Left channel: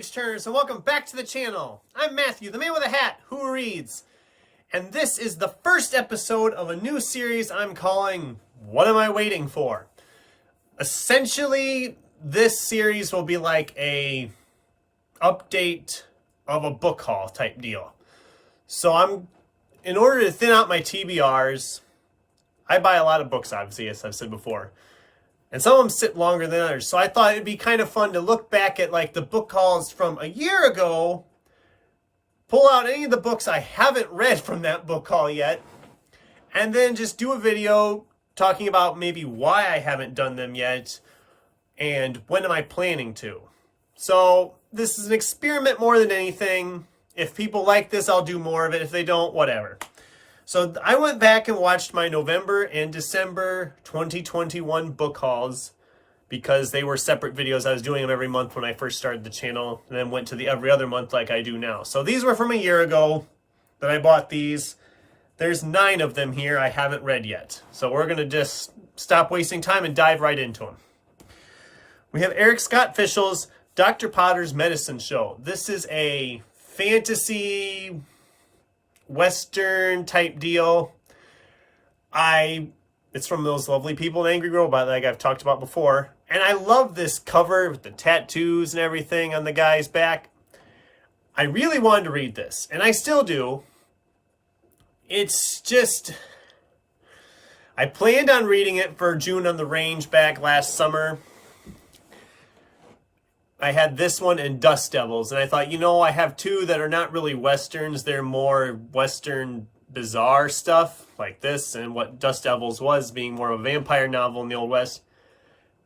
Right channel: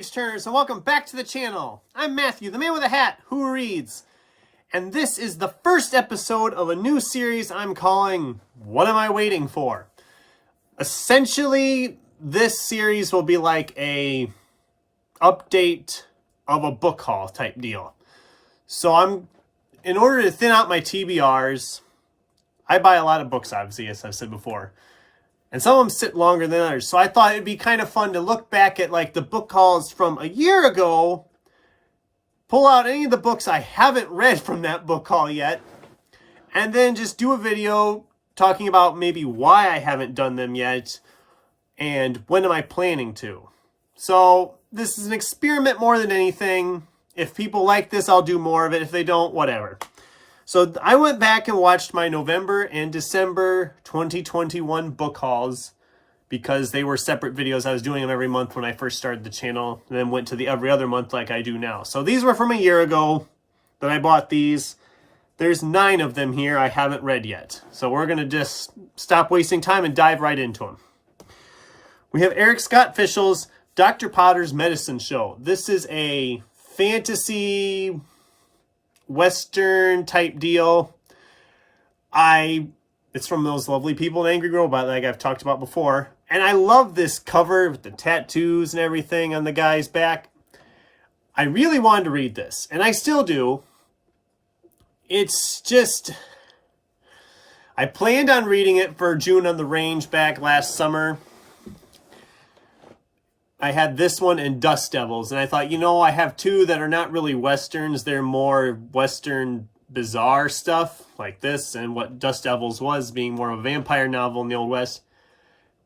page-turners, and welcome back to the channel. I'm Matthew, the man with a hat who reads. And this is the first episode of a new series I'm calling, What Am I Waiting For? Essentially, this series will be like a update of a book haul type deal. So in order to thin out my TBRs, I buy a lot of books, obviously, as I've said before. And some of them sit longer than others. So I thought it'd be kind of fun to look back at like the book hauls from a year ago, pull out any of the books I haven't read from that book haul yet, and then just do a video talking about maybe why I haven't done them yet and when am I planning to. So this is an experiment more than anything. If people like this, I'll do more of it. If they don't, whatever. So I went back and watched my November and December 2021 book hauls because they were separate videos. I was doing them every month when I first started the channel and then went to the every other month like I do now. So these were from a year ago that I bought these. There's 9 of them here I haven't read yet. So we're going to just stop wasting time and dive right into them. We have Eric Scott Fischl's Dr. Potter's Medicine Show. This is a fantasy Western type deal. It's from those lovely people in Angry Robot like I've talked about before. And I love this cover with the tattoos and everything on the guy's back. I really wanted to read this, and I still do. It's just, I planned on reading it for June on the Range back last summer. I had this one and Dust Devils, and I thought, I have 2 that are not really Westerns. They're more Western bizarre stuff like this, and what Dust Devils was, being more of a vampire novel in the Old West.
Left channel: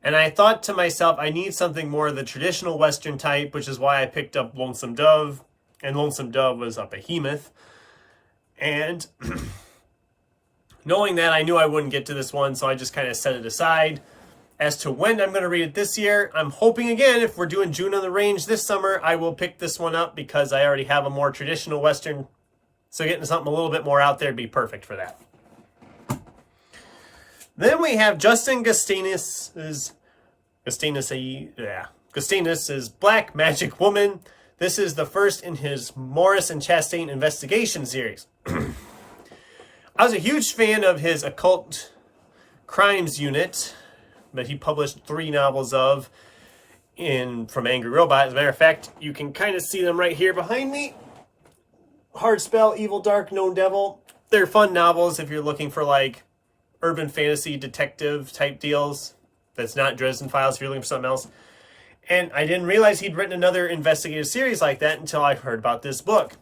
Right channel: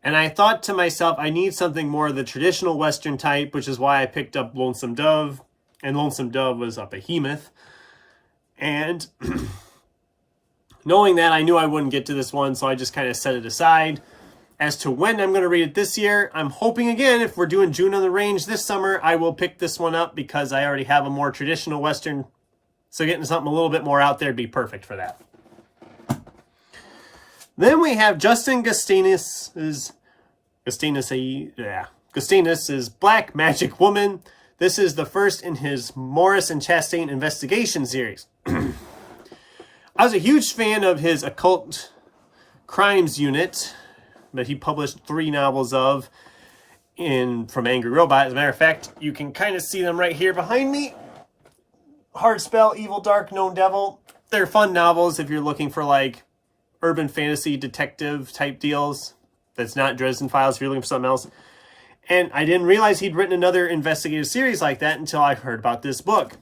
And I thought to myself, I need something more of the traditional Western type, which is why I picked up Lonesome Dove, and Lonesome Dove was a behemoth. And knowing that, I knew I wouldn't get to this one, so I just kind of set it aside. As to when I'm going to read it this year, I'm hoping, again, if we're doing June on the Range this summer, I will pick this one up because I already have a more traditional Western. So getting something a little bit more out there would be perfect for that. Then we have Justin Gustenis' Black Magic Woman. This is the first in his Morris and Chastain investigation series. I was a huge fan of his Occult Crimes unit that he published 3 novels of from Angry Robot. As a matter of fact, you can kind of see them right here behind me. Hard Spell, Evil Dark, Known Devil. They're fun novels if you're looking for like urban fantasy detective type deals. That's not Dresden Files if you're looking for something else. And I didn't realize he'd written another investigative series like that until I heard about this book.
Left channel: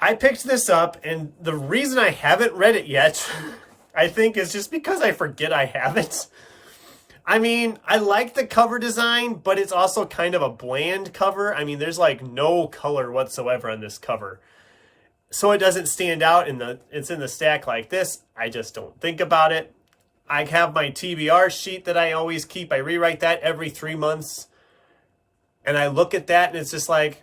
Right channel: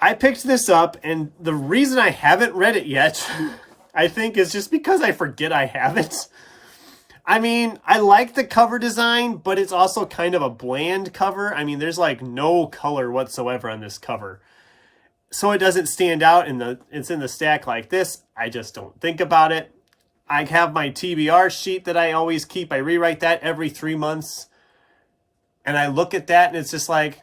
I picked this up, and the reason I haven't read it yet, I think, is just because I forget I have it. I mean, I like the cover design, but it's also kind of a bland cover. I mean, there's like no color whatsoever on this cover. So it doesn't stand out, it's in the stack like this. I just don't think about it. I have my TBR sheet that I always keep. I rewrite that every 3 months. And I look at that and it's just like,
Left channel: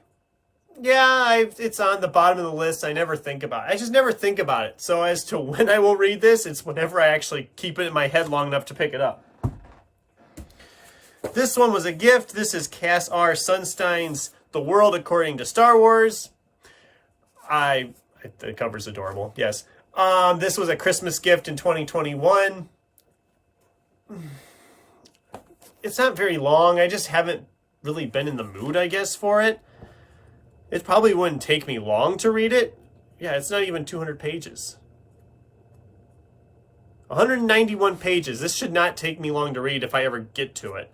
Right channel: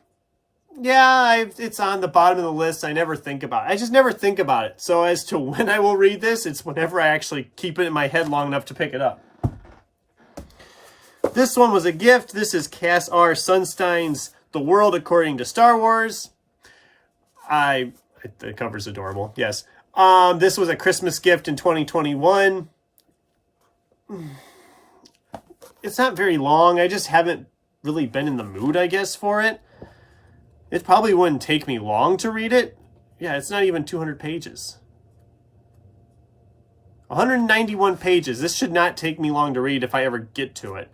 yeah, it's on the bottom of the list. I never think about it. I just never think about it. So as to when I will read this, it's whenever I actually keep it in my head long enough to pick it up. This one was a gift. This is Cass R. Sunstein's The World According to Star Wars. The cover's adorable. Yes. This was a Christmas gift in 2021. It's not very long. I just haven't really been in the mood, I guess, for it. It probably wouldn't take me long to read it. Yeah, it's not even 200 pages. 191 pages. This should not take me long to read if I ever get to it.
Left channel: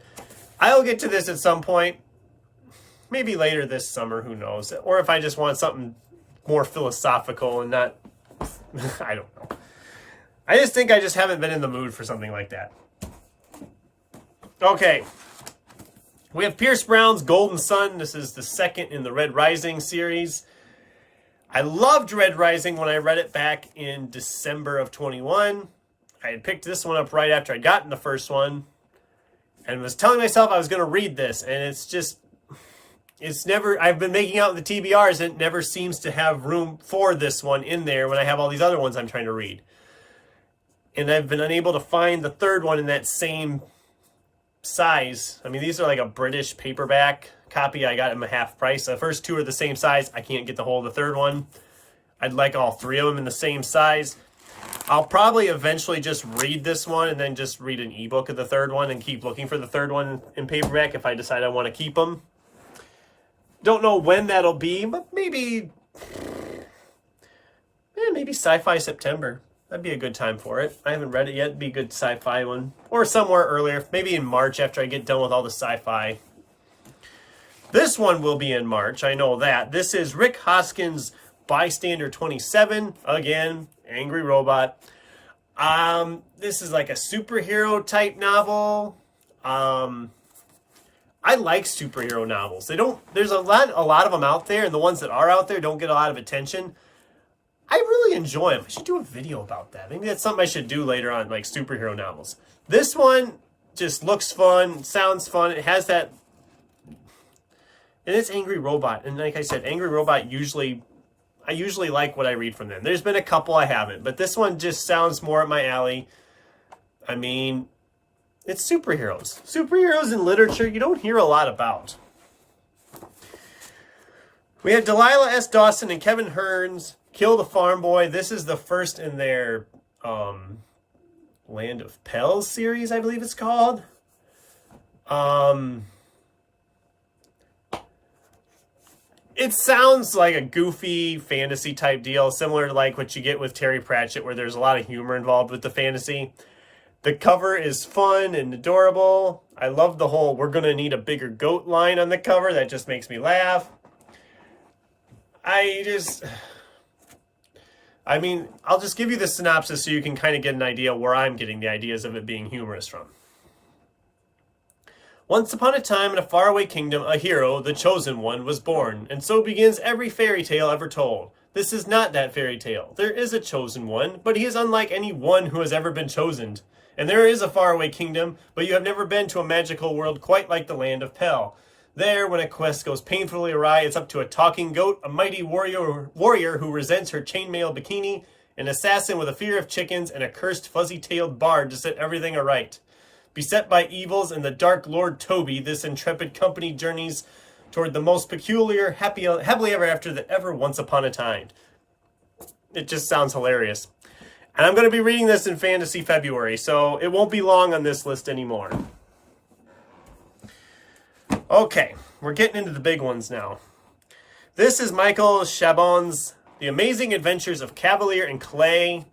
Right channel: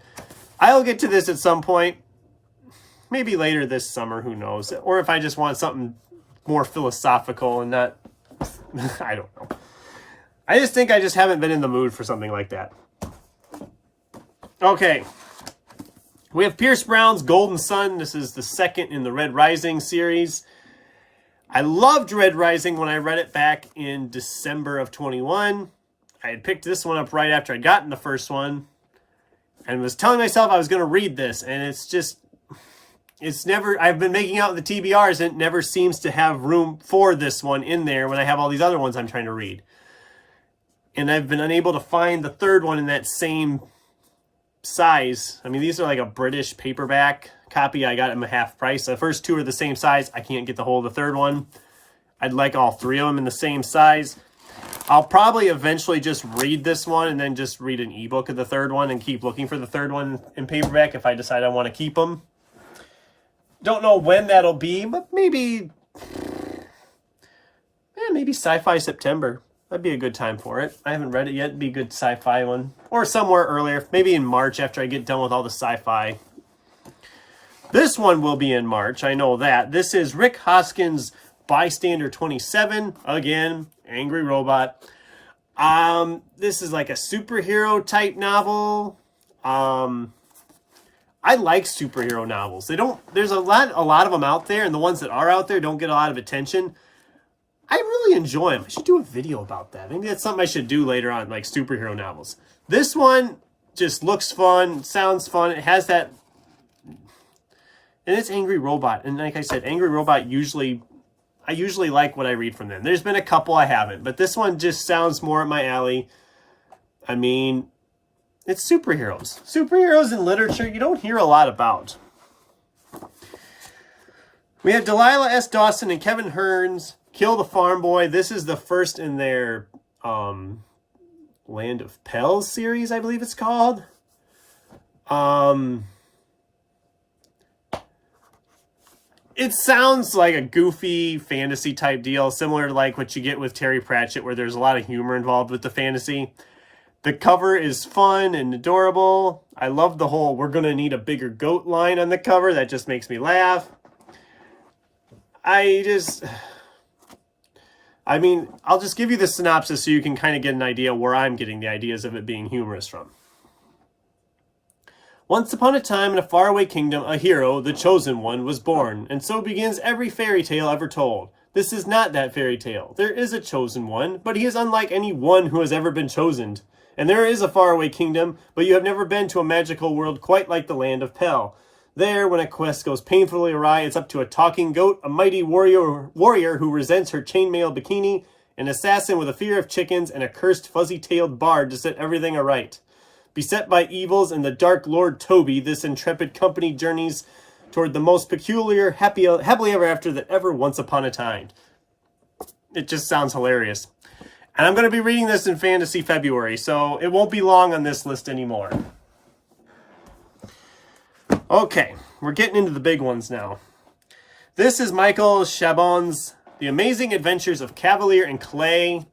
I'll get to this at some point. Maybe later this summer, who knows. Or if I just want something more philosophical and not... I don't know. I just think I just haven't been in the mood for something like that. Okay. We have Pierce Brown's Golden Sun. This is the second in the Red Rising series. I loved Red Rising when I read it back in December of 21. I had picked this one up right after I'd gotten the first one and was telling myself I was going to read this. And I've been making out the TBRs and it never seems to have room for this one in there when I have all these other ones I'm trying to read. And I've been unable to find the third one in that same size. I mean, these are like a British paperback copy. I got them a half price. The first two are the same size. I can't get the whole of the third one. I'd like all three of them in the same size. I'll probably eventually just read this one and then just read an ebook of the third one and keep looking for the third one in paperback if I decide I want to keep them. Don't know when that'll be, but maybe Sci-Fi September. That'd be a good time for it. I haven't read it yet. It'd be a good sci-fi one. Or somewhere earlier. Maybe in March after I get done with all the sci-fi. This one will be in March. I know that. This is Rick Hoskins' Bystander 27. Again, Angry Robot. This is like a superhero type novel. I like superhero novels. There's a lot of them out there, and the ones that are out there don't get a lot of attention. I really enjoy them. I should do a video about that. Maybe that's something I should do later on, like superhero novels. This one just looks fun, sounds fun. It has that, and it's Angry Robot. And like I said, Angry Robot I usually like what I read from them. There's been a couple I haven't, but this one just sounds more up my alley. I mean, it's superheroes. Superheroes in literature you don't hear a lot about. We have Delilah S. Dawson and Kevin Hearns' Kill the Farm Boy. This is the first in their Land of Pels series, I believe it's called. It sounds like a goofy fantasy type deal, similar to like what you get with Terry Pratchett, where there's a lot of humor involved with the fantasy. The cover is fun and adorable. I love the whole "we're gonna need a bigger goat" line on the cover. That just makes me laugh. I mean, I'll just give you the synopsis so you can kind of get an idea where I'm getting the ideas of it being humorous from. Once upon a time in a faraway kingdom, a hero, the Chosen One, was born, and so begins every fairy tale ever told. This is not that fairy tale. There is a Chosen One, but he is unlike any one who has ever been chosen. And there is a faraway kingdom, but you have never been to a magical world quite like the Land of Pel. There, when a quest goes painfully awry, it's up to a talking goat, a mighty warrior who resents her chainmail bikini, an assassin with a fear of chickens, and a cursed fuzzy-tailed bard to set everything aright. Beset by evils and the dark Lord Toby, this intrepid company journeys toward the most peculiar, happily ever after that ever once upon a time. It just sounds hilarious. And I'm going to be reading this in Fantasy February, so it won't be long on this list anymore. Okay, we're getting into the big ones now. This is Michael Chabon's The Amazing Adventures of Kavalier and Clay.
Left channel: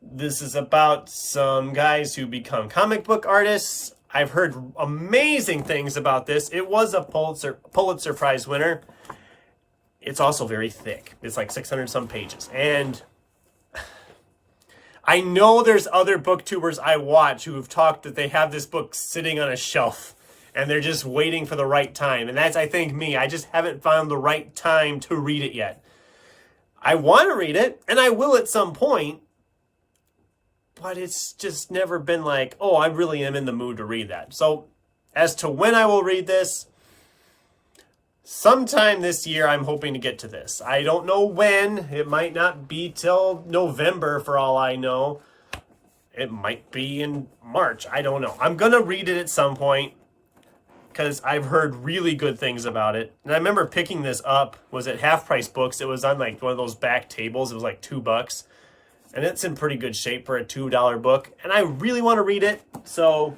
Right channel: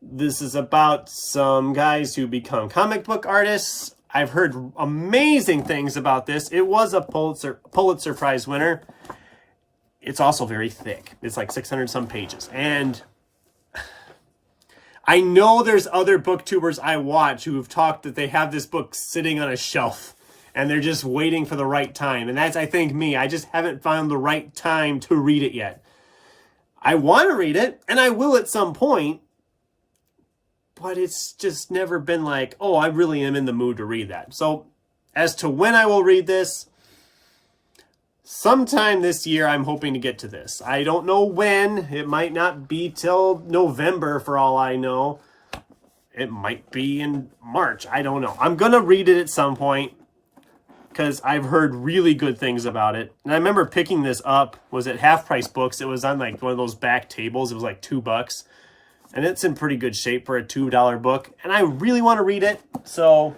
This is about some guys who become comic book artists. I've heard amazing things about this. It was a Pulitzer Prize winner. It's also very thick. It's like 600 some pages. And I know there's other booktubers I watch who have talked that they have this book sitting on a shelf and they're just waiting for the right time. And that's, I think, me. I just haven't found the right time to read it yet. I want to read it, and I will at some point, but it's just never been like, oh, I really am in the mood to read that. So as to when I will read this, sometime this year I'm hoping to get to this. I don't know when. It might not be till November for all I know. It might be in March. I don't know. I'm going to read it at some point, because I've heard really good things about it. And I remember picking this up, was at Half Price Books. It was on like one of those back tables. It was like $2. And it's in pretty good shape for a $2 book. And I really want to read it. So,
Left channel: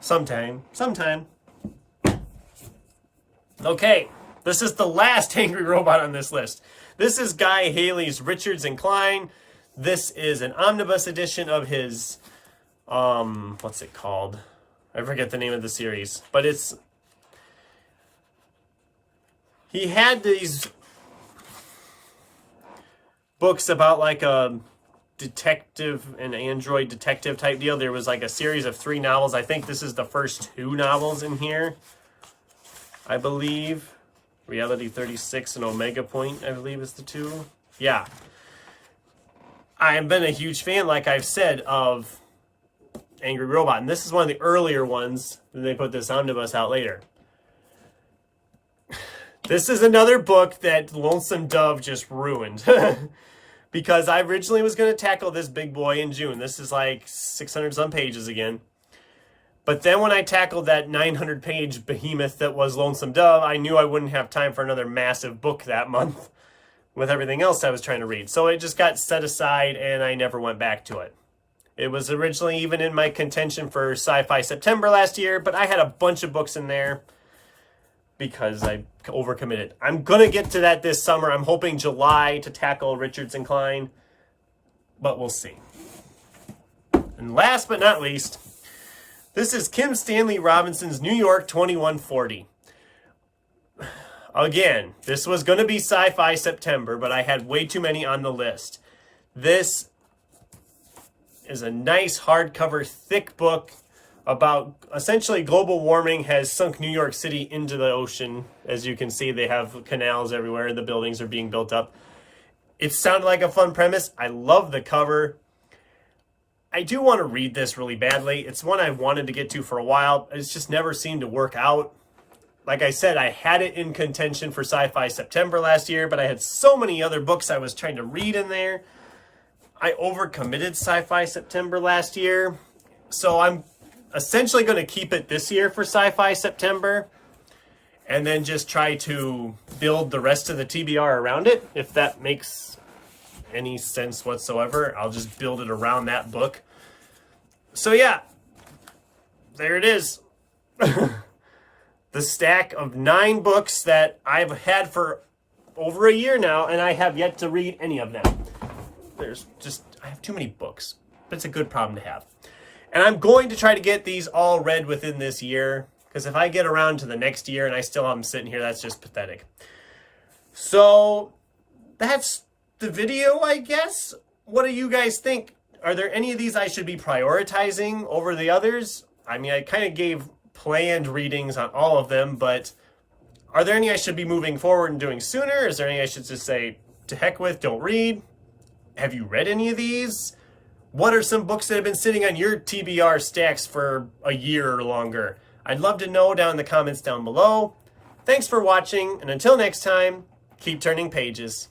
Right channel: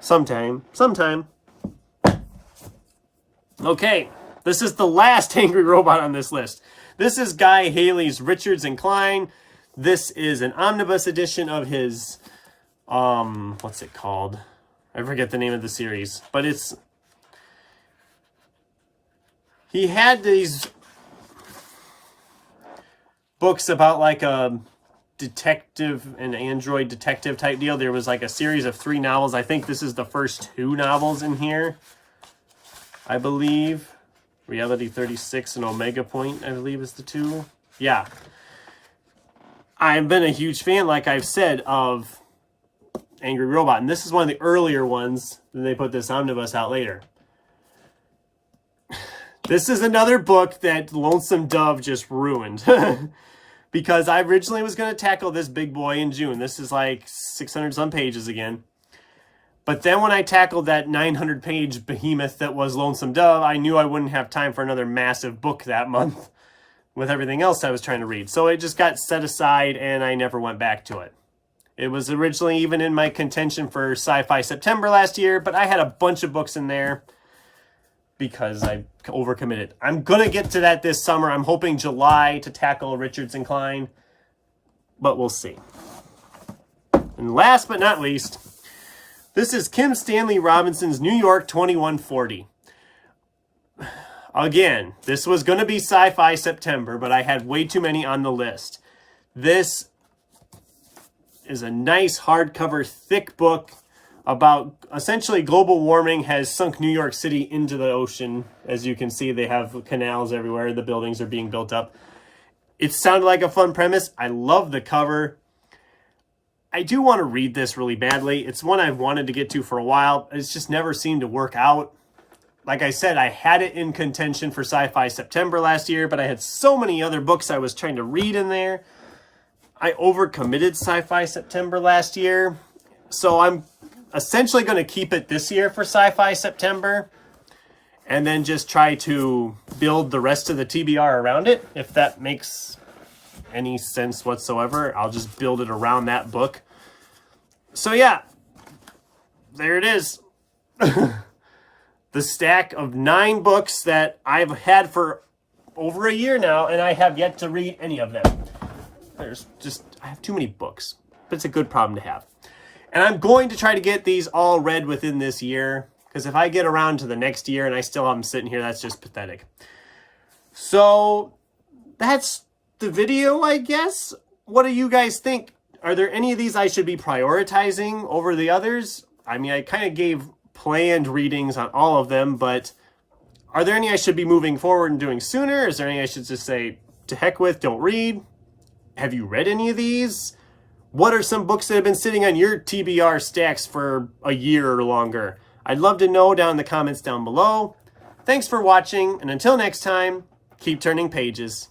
sometime. Okay, this is the last Angry Robot on this list. This is Guy Haley's Richards and Klein. This is an omnibus edition of his, what's it called? I forget the name of the series, but he had these books about like a detective, an android detective type deal. There was like a series of 3 novels. I think this is the first 2 novels in here, I believe. Reality 36 and Omega Point, I believe, is the 2. Yeah. I've been a huge fan, like I've said, of Angry Robot, and this is one of the earlier ones. Then they put this omnibus out later. This is another book that Lonesome Dove just ruined. Because I originally was going to tackle this big boy in June. This is like 600 some pages again. But then when I tackled that 900-page behemoth that was Lonesome Dove, I knew I wouldn't have time for another massive book that month with everything else I was trying to read. So it just got set aside and I never went back to it. It was originally even in my contention for Sci-Fi September last year, but I had a bunch of books in there because I overcommitted. I'm going to get to that this summer. I'm hoping July to tackle Richards and Klein, but we'll see. And last but not least, this is Kim Stanley Robinson's New York 2140. Again, this was going to be Sci-Fi September, but I had way too many on the list. This is a nice hardcover, thick book about essentially global warming has sunk New York City into the ocean. As you can see, they have canals everywhere. The buildings are being built up. It sounded like a fun premise. I love the cover. I do want to read this really badly. It's one I've wanted to get to for a while. It's just never seemed to work out. Like I said, I had it in contention for Sci-Fi September last year, but I had so many other books I was trying to read in there. I overcommitted Sci-Fi September last year. So I'm essentially going to keep it this year for Sci-Fi September. And then just try to build the rest of the TBR around it, if that makes any sense whatsoever. I'll just build it around that book. So yeah, there it is. The stack of 9 books that I've had for over a year now, and I have yet to read any of them. I have too many books, but it's a good problem to have. And I'm going to try to get these all read within this year, because if I get around to the next year and I still have them sitting here, that's just pathetic. So that's the video, I guess. What do you guys think? Are there any of these I should be prioritizing over the others? I mean, I kind of gave planned readings on all of them, but are there any I should be moving forward and doing sooner? Is there any I should just say, to heck with, don't read? Have you read any of these? What are some books that have been sitting on your TBR stacks for a year or longer? I'd love to know down in the comments down below. Thanks for watching, and until next time, keep turning pages.